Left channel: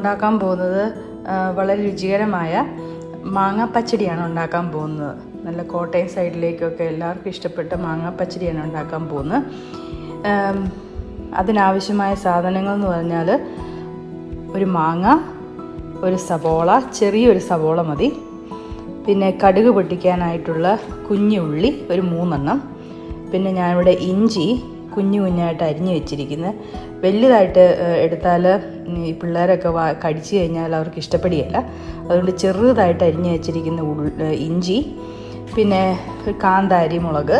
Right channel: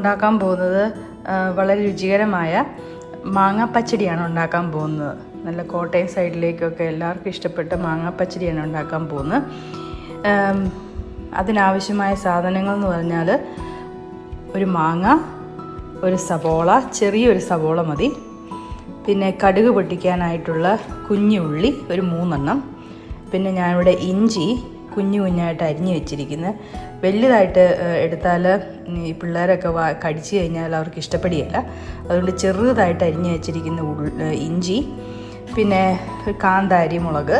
ഉണ്ടാക്കാൻ പോകുന്നത് വളരെ രുചികരമായ മാങ്ങാപ്പച്ചടിയാണ് ഉണ്ടാക്കാൻ പോകുന്നത്. നല്ല കോട്ടയം സൈഡിലേക്കൊക്കെ എല്ലാവർക്കും ഇഷ്ടപ്പെട്ട മാങ്ങാപ്പച്ചടിയാണ് ഉണ്ടാക്കാൻ പോകുന്നത്. അതിനാവശ്യമായ സാധനങ്ങൾ എന്ന് പറഞ്ഞാൽ ഒരു മാങ്ങ, ഒരു സവോള, ചെറിയൊരു സവോള മതി. പിന്നെ കടുക് പൊട്ടിക്കാനായിട്ടുള്ള കുഞ്ഞു ഉള്ളി ഒരു 3 എണ്ണം. പിന്നെ ഞാനിവിടെ ഇഞ്ചി കുഞ്ഞായിട്ട് അരിഞ്ഞ് വെച്ചിരിക്കുന്നത്. വലിയതായിട്ട് എടുത്താൽ ഈ പിള്ളേരൊക്കെ കടിച്ചു കഴിഞ്ഞാൽ അവർക്ക് ഇഷ്ടപ്പെടുകയില്ല. അതുകൊണ്ട് ചെറുതായിട്ട് അരിഞ്ഞ് വെച്ചിരിക്കുന്ന ഇഞ്ചി. പിന്നെ കാന്താരി മുളക്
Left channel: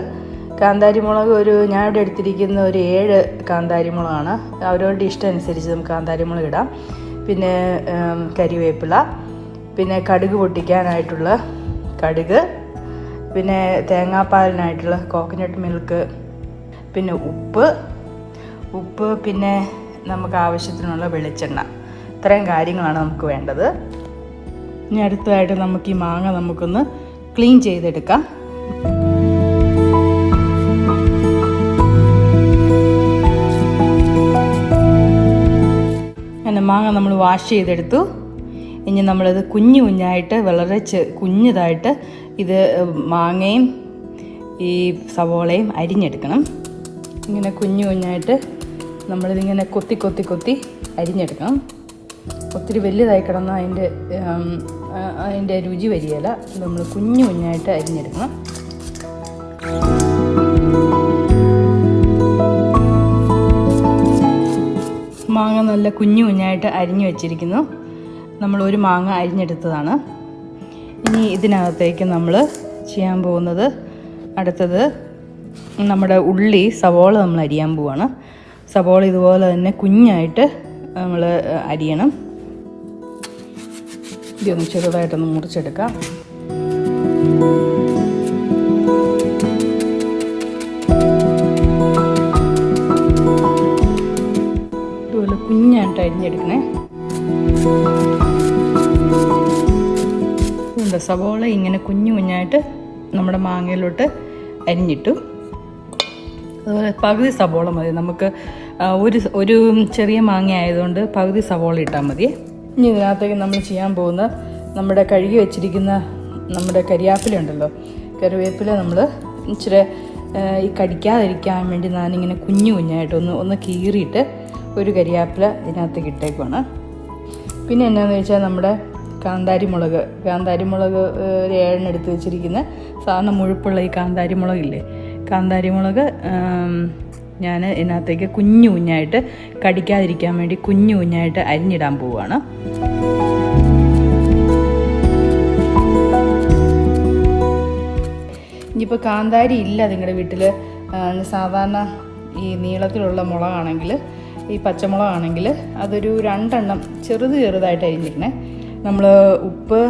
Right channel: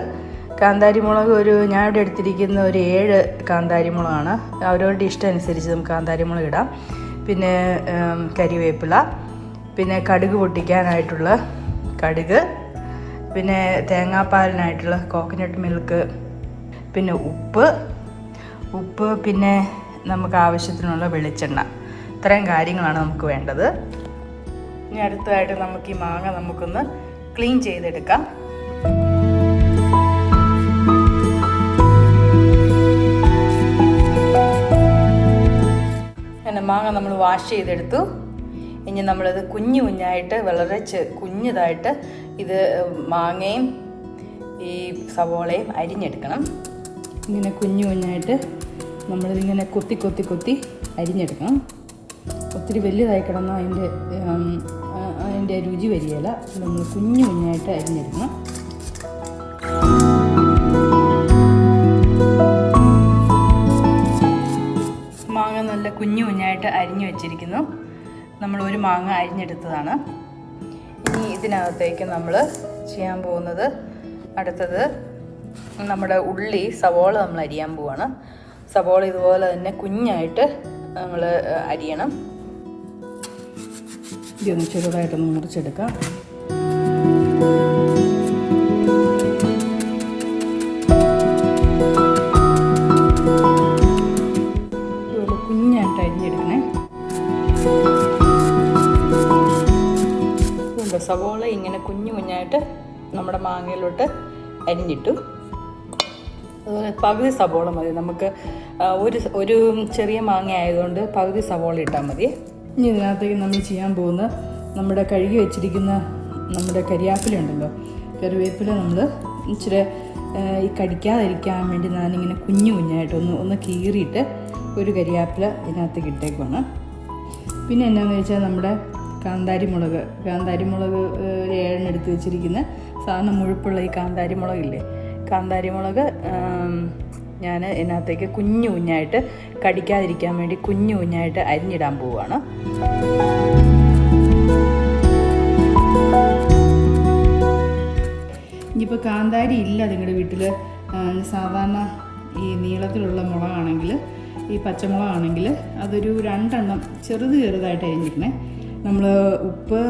ഞാനിവിടെ എടുത്തിരിക്കുന്ന ഒരു 7 കാന്താരി മുളകാണ്. അവരവരുടെ ഇഷ്ടം അനുസരിച്ച് നമുക്ക് കാന്താരി മുളക് ഇടാം. പിന്നെ കരിവേപ്പില, പിന്നെ കടുക് പൊട്ടിക്കാനായിട്ടുള്ള കടുക്, പിന്നെ തേങ്ങാപ്പാലിനായിട്ടുള്ള കോക്കനട്ട് മിൽക്ക്, പിന്നെ ഉപ്പ്, പിന്നെ നമുക്ക് ആവശ്യത്തിനുള്ള വെളിച്ചെണ്ണ. ഇത്രയും കാര്യങ്ങളാണ് നമുക്ക് വേണ്ടത്. ഇനി അടുത്തതായിട്ട് നമുക്ക് ഈ മാങ്ങ നമുക്കൊന്ന് ക്ലീൻ ചെയ്തെടുക്കാം. അങ്ങനെ മാങ്ങ നമ്മൾ വാഷ് ചെയ്തെടുത്തു. ഇനി നമ്മളത് കുഞ്ഞായിട്ട് വളരെ കുഞ്ഞതായിട്ട് ഇത് മാങ്ങയും ഈ സവോളയും അരിഞ്ഞെടുക്കണം. ഇങ്ങനെ കുഞ്ഞായിട്ട് നമ്മളിതിങ്ങനെ കൊത്തി അരിഞ്ഞെടുക്കണം. ഒത്തിരി വലുതായി കിടന്നാൽ അതിൻ്റെ രുചി വരികയില്ല. നമ്മൾ കുഞ്ഞായിട്ട് അരിഞ്ഞെടുക്കണം. മാങ്ങ നല്ല കുഞ്ഞായിട്ട് അരിഞ്ഞു വെച്ചിരിക്കുന്നു. നമ്മൾ ഒരു മാങ്ങ അരിഞ്ഞെടുത്തതാണ്. ഇനി ഇതിനകത്തേക്ക് നമ്മൾ ചെയ്യാൻ പോകുന്നത് അടുത്തത് നമ്മുടെ സവോള നമ്മൾ അരിയാൻ പോവാണ്. സവോള ഇതുപോലെ തന്നെ കുഞ്ഞായിട്ട് നമ്മൾ അരിയണം. ഇതൊന്ന് ചെറുതായിട്ടൊന്ന് മുറിച്ചെടുക്കാം. ഇതുപോലെ കുഞ്ഞായിട്ട് അരിഞ്ഞെടുക്കണേ. സവോള ഇങ്ങനെ കുഞ്ഞായിട്ട് നമ്മുടെ മാങ്ങയിലോട്ട് അരിഞ്ഞിട്ടു. പകുതി സവോള മതി നമുക്ക്. ഒരു ചെറിയ മാങ്ങ ആയതുകൊണ്ട് പകുതി സവോള ഇട്ടാൽ മതി. ഇനി ഇതിനകത്തേക്ക് നമ്മൾ ചെയ്യാൻ പോകുന്ന നമ്മുടെ കഴുകി വെച്ചിരിക്കുന്ന നമ്മുടെ കരിവേപ്പില ഉണ്ടല്ലോ, കറിവേപ്പില നമ്മൾ ഇച്ചിരി ഈ കടിക്കാതിരിക്കാൻ വേണ്ടി ഞാനിങ്ങനെ കുഞ്ഞായിട്ട് ഒന്ന് കീറിയിട്ട് ഒരു കരിവേപ്പില ഇതിനകത്തേക്ക് ഇട്ടേക്കുവാണ്. പിന്നെ എന്താണെന്ന് വെച്ചാൽ നമ്മുടെ കാന്താരി മുളക് ഒരു 7 എടുത്ത് വെച്ചിരിക്കുന്ന സാധാരണ മുഴുപ്പുള്ള ഈ കാന്താരി മുളകില്ലേ, കാന്താരി മുളക് ഞാൻ ഇതിനകത്തേക്ക് കുഞ്ഞായിട്ട് കടിക്കാതിരിക്കാൻ വേണ്ടി കുഞ്ഞായിട്ട് അരിഞ്ഞിടാൻ പോവുകയാണ്. ഇനിയിപ്പോൾ കാന്താരി ഇല്ല നിങ്ങളുടെ വീട്ടിൽ, സാധാരണ ഈ നീളത്തിലുള്ള മുളകാണെങ്കിൽ, ഈ പച്ചമുളകാണെങ്കിൽ അതൊരു 2 എണ്ണം ചെറുതായിട്ട് അരിഞ്ഞിരിക്കണേ. നമ്മൾ ഉപ്പ്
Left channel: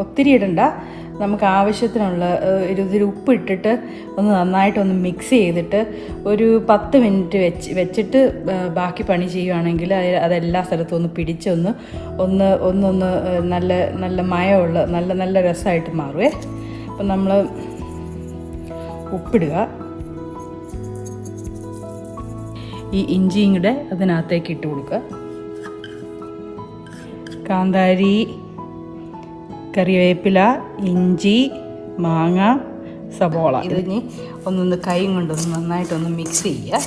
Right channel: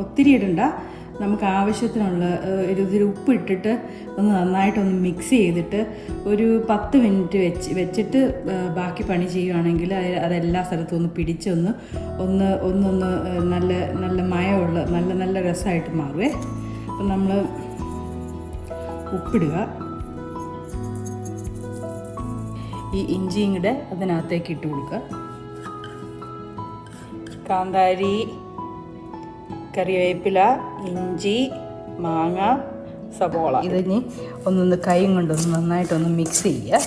ഒത്തിരി ഇടണ്ട. നമുക്ക് ആവശ്യത്തിനുള്ള ഇതിൽ ഉപ്പ് ഇട്ടിട്ട് ഒന്ന് നന്നായിട്ടൊന്ന് മിക്സ് ചെയ്തിട്ട് ഒരു 10 മിനിറ്റ് വെച്ചിട്ട് ബാക്കി പണി ചെയ്യുകയാണെങ്കിൽ അതെല്ലാ സ്ഥലത്തും ഒന്ന് പിടിച്ചൊന്ന് നല്ല മയമുള്ള നല്ല രസമായിട്ട് മാറുവേ. അപ്പം നമ്മൾ ഉപ്പിടുക. ഈ ഇഞ്ചിയും കൂടെ അതിനകത്തേക്ക് ഇട്ട് കൊടുക്കുക. കാന്താരി, കറിവേപ്പില, ഇഞ്ചി, മാങ്ങ, സവോള ഇതിനി കൈ കൊണ്ടൊന്ന് നന്നായിട്ടൊന്ന് മിക്സ് ചെയ്യുക.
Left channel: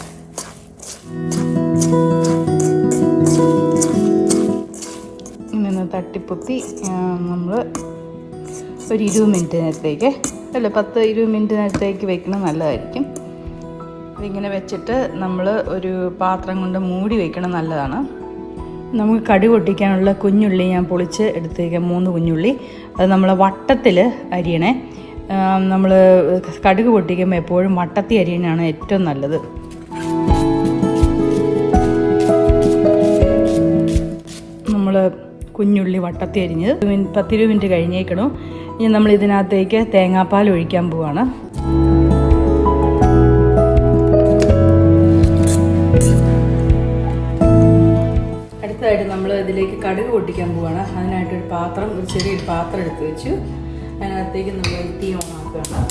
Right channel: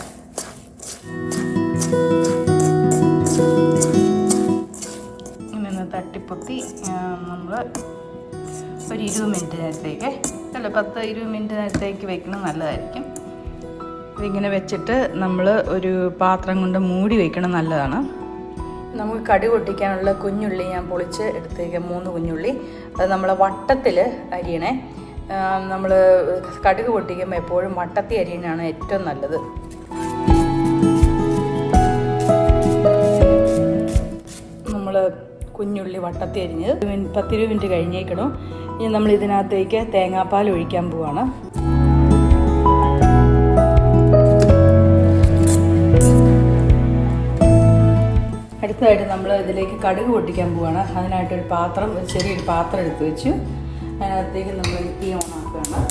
ഇങ്ങനെ തട്ടിപ്പൊത്തി നമ്മൾ ഒരു 20 മിനിറ്റ് നേരത്തേക്ക് 10-20 മിനിറ്റ് നേരത്തേക്ക് വെക്കുന്നത് നല്ലതായിരിക്കും. ഇതിങ്ങനെ വെച്ചിട്ട് നമ്മൾ ഒരു പാത്രം കൊണ്ട് മൂടി വയ്ക്കണം, നല്ലതാണ്. നമുക്ക് കടുക് പൊട്ടിക്കാനുള്ള കുഞ്ഞുള്ളി ഞാൻ പൊളിച്ച് എടുത്തേക്കാം, 3 കുഞ്ഞുള്ളി. അത് നമ്മൾ വട്ടത്തിൽ അരിയണേ. നമ്മൾ കടുക് പൊട്ടിക്കുമ്പോൾ എപ്പോഴും വട്ടത്തിൽ അരിയണതാണ് ഏറ്റവും നല്ലത്. നമ്മൾ കുഞ്ഞുള്ളി വട്ടത്തിൽ അരിഞ്ഞത് 10-20 മിനിറ്റ് കഴിഞ്ഞേക്കണം. ഇനി നമ്മൾ ഇതിനകത്തേക്ക് തേങ്ങാപ്പാൽ ഒഴിക്കാൻ പോവാണ്. അടുത്തതായിട്ട് നമ്മൾ ഇതിലേക്ക് കടുക് പൊട്ടിക്കാൻ പോവാണ്. അതിനായിട്ടൊരു ചെറിയൊരു പാത്രം എടുത്ത് വെച്ചു. അതിനകത്തേക്ക് നമ്മൾ തീ ഓണാക്കണം.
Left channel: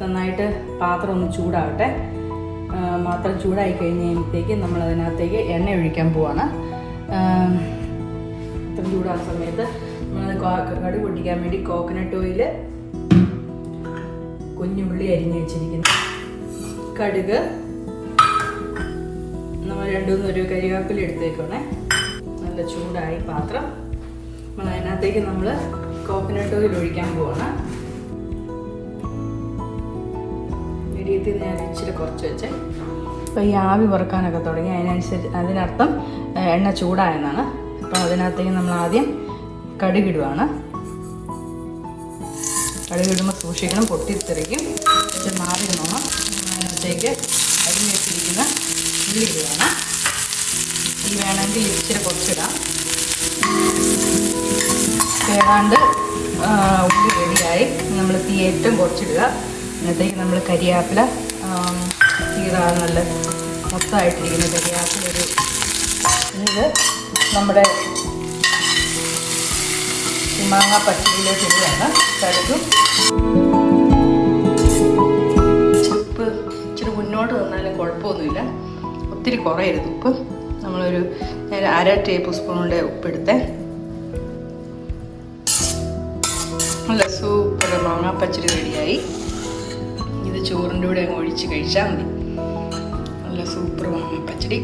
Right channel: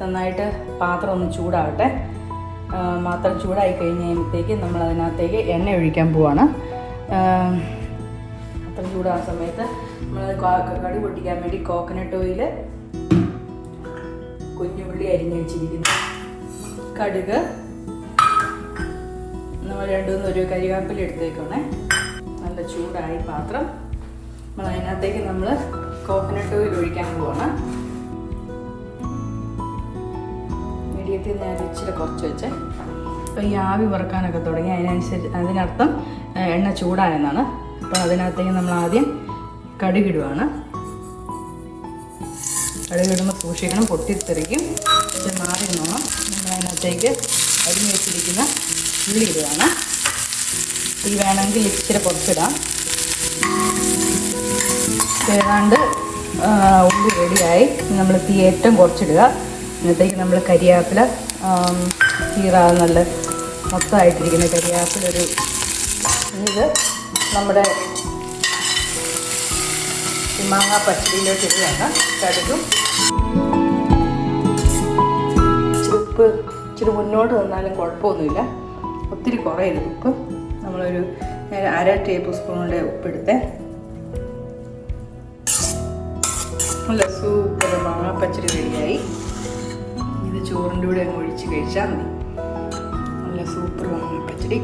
നന്നായിട്ട് പാത്രം ഒന്ന് ചൂടാകട്ടെ. പാത്രം ചൂടായി കഴിഞ്ഞ് കഴിയുമ്പോഴത്തേക്ക് നമ്മൾ അതിനകത്തേക്ക് എണ്ണ ഒഴിക്കാൻ പോവാണ്. അപ്പം ചൂടാ സമയത്ത് നമ്മൾ കടുക് പൊട്ടിക്കാൻ വേണ്ടി കോക്കനട്ട് ഓയിൽ, കുഞ്ഞുള്ളി അരിഞ്ഞ് വെച്ചിരിക്കുന്നു, കടുക്, നമ്മൾ 2-3 കരിവേപ്പില എടുത്ത് വെക്കണേ. നല്ല ചൂടായി പാത്രം. നമ്മൾ അതിനകത്തേക്ക് നമ്മൾ കോക്കനട്ട് ഓയിൽ ഒഴിക്കാൻ പോവാണ്. മീഡിയത്തിൽ ഞാൻ ഇച്ചിരി കുറച്ച് വെച്ചേ. അപ്പോൾ ഈ ആവി വറുക്കാനൊക്കെ തുടങ്ങി, അതിനർത്ഥം എണ്ണ ചൂടായെന്നാണ്. അപ്പോൾ അതിനകത്തേക്ക് നമ്മൾ ആദ്യം കടുകിടുവാണ്. കടുകിടുമ്പോൾ സൂക്ഷിക്കണം, പൊട്ടിത്തെറിക്കും. ഇച്ചിരി മാറി നോക്കണം. നമ്മൾ അതിനകത്തേക്ക് അരിഞ്ഞ് വെച്ചിരിക്കുന്ന ഉള്ളി ഇടുവാണ്. ഈ വേണമെങ്കിൽ ഇച്ചിരി കുറച്ചിടാം. ഏതാണ്ട് ഉള്ളി റെഡിയായി. നമ്മൾ തീ ഏറ്റവും കുറച്ചിടുക. അതിനകത്തേക്ക് നമ്മൾ കരിയാപ്പില തീരാതെ നല്ല മൊത്തമായിട്ടിരിക്കുന്ന കരിയാപ്പില ഇത് നമ്മുടെ മാങ്ങാ പച്ചടിയിലേക്ക് ഇടുകയാണ്. കടുകും ഉപ്പ് ഇച്ചിരി മുന്നോട്ട് തന്നാലും കുഴപ്പമൊന്നുമില്ല, ഒത്തിരി കുറയരുത് ഉപ്പ്. ഞാൻ 1/2 ടേബിൾ സ്പൂണിൻ്റെ ഉപ്പെടുത്തേ. നല്ല സൂപ്പർ മാങ്ങാ പച്ചടി റെഡിയായി. ഇത് ചോറിൻ്റെ കൂടെ അങ്ങ് ഒഴിച്ച് കഴിച്ചാൽ മതി. നല്ല സൂപ്പർ മാങ്ങാ പച്ചടി.